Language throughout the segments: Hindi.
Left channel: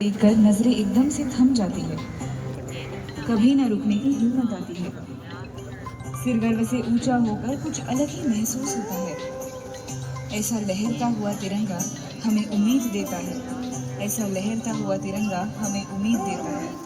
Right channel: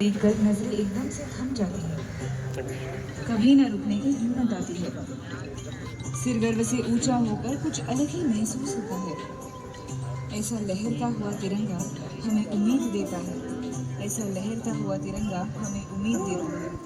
देखकर नजरें एकदम से थम जाती है, कभी न रुकने की हिम्मत आती है। सिर गर्व से ऊंचा होकर कुछ अलग ही महसूस होता है। ऐसा लहरता हुआ तिरंगा हमें उम्मीद देता है। ऐसा लहरता हुआ तिरंगा हमें उम्मीद देता है।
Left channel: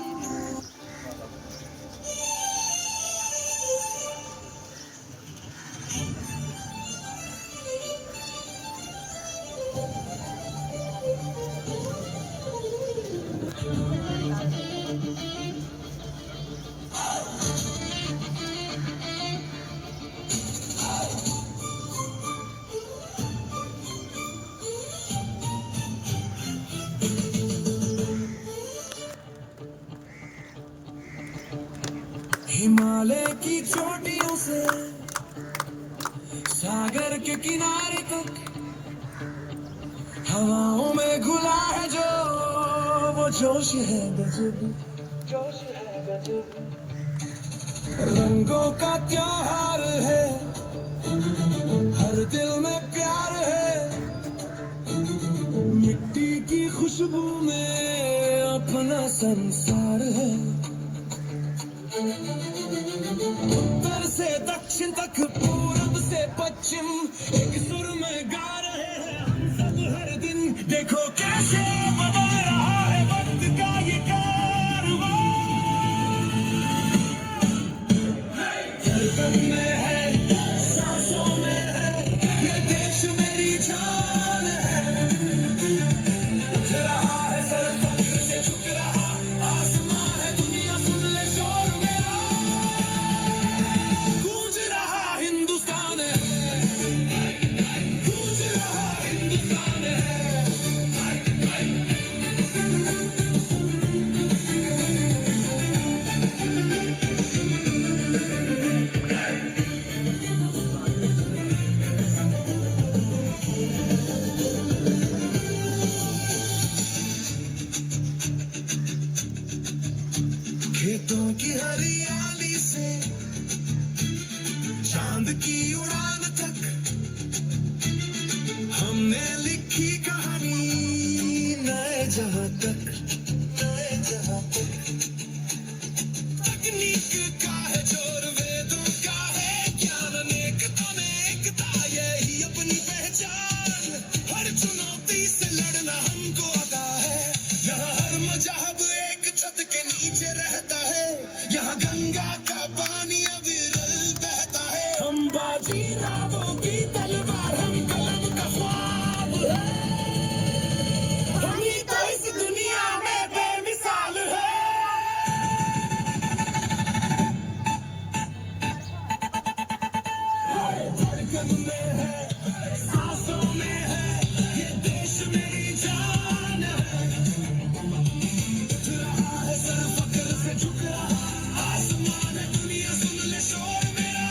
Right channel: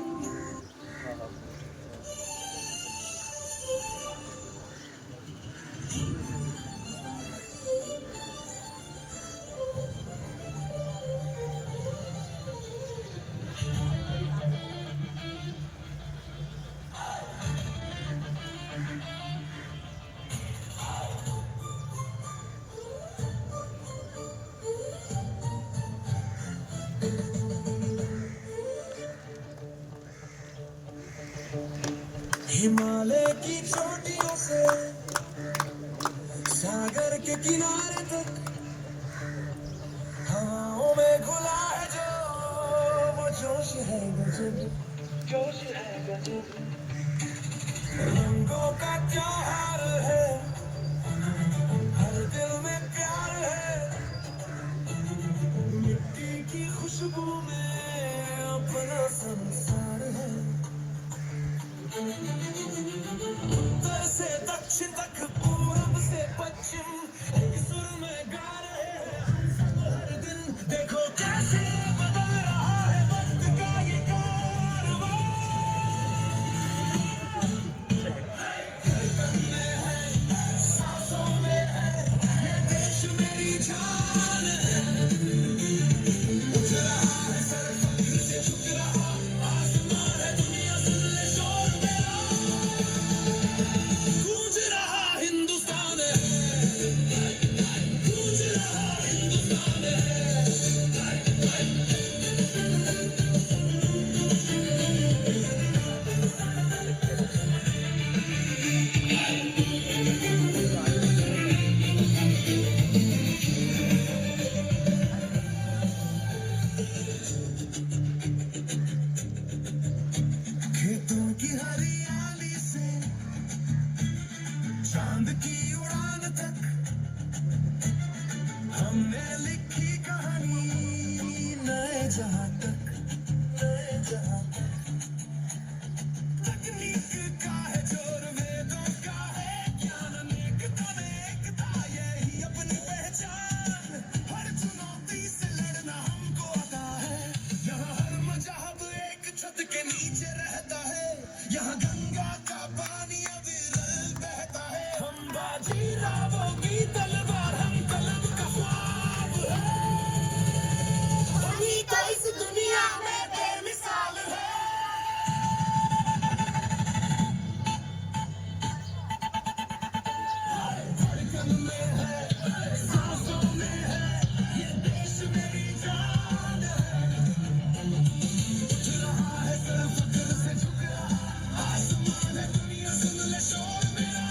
हिमालय की चोटियों से सागर के किनारे तक हवाओं में घुला है जो वो जोश है गजब, जोश है गजब। रंगों का त्योहार है, हर दिल में प्यार है। मिट्टी की खुशबू में अपना संसार है। उत्तर से दक्षिण तक, पूरब से पश्चिम, एक सुर में गा रहे हैं सब हर दिन। देखो कैसे बदल रहा है वक्त का ये कारवां। धड़कन में है, सांसों में है, ये देश मेरी जान है। उठ रहा है सर फख्र से, झुक रहा आसमां है, दुनिया सुन ले शोर मेरा। गूंज रहा हिंदुस्तान है, गूंज रहा हिंदुस्तान है। खेतों की हरियाली से चांद की उड़ान तक, हमने लिखी कहानी नए जहां तक, नए जहां तक। तकनीक का है जोर, वेदों का है ज्ञान, अनेकता में एकता, यही अपनी पहचान। हर चुनौती से लड़ना हमको आता है। यहाँ हर मजहब एक छत के नीचे रहता है। यहाँ गंगा का पानी अविरल बहता है। हम बाजीरावों की तलवार, हम कलम का ख्वाब है। हम ही तो इस दुनिया में बेमिसाल है। धड़कन में है, सांसों में है, ये देश मेरी जान है। उठ रहा है सर फख्र से, झुक रहा आसमान है, दुनिया सुन ले शोर मेरा।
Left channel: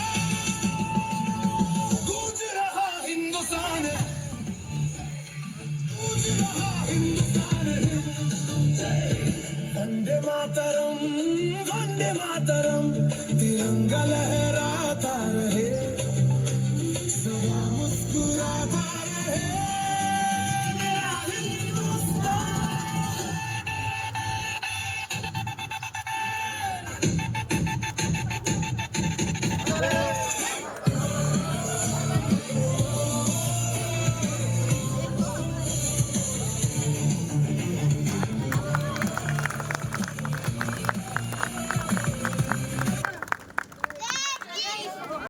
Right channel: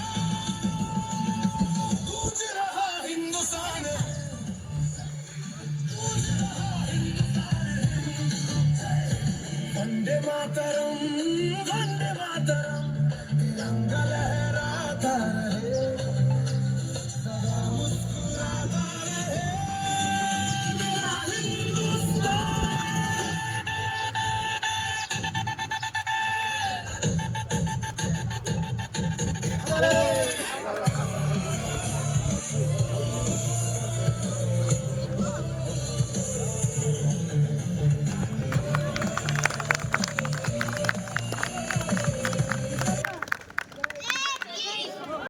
गूंज रहा हिंदुस्तान है, गूंज रहा हिंदुस्तान है। वंदे मातरम, वंदे मातरम, तिरंगा लहराता रहे, सदा मुस्कुराता रहे मेरा हिंदुस्तान।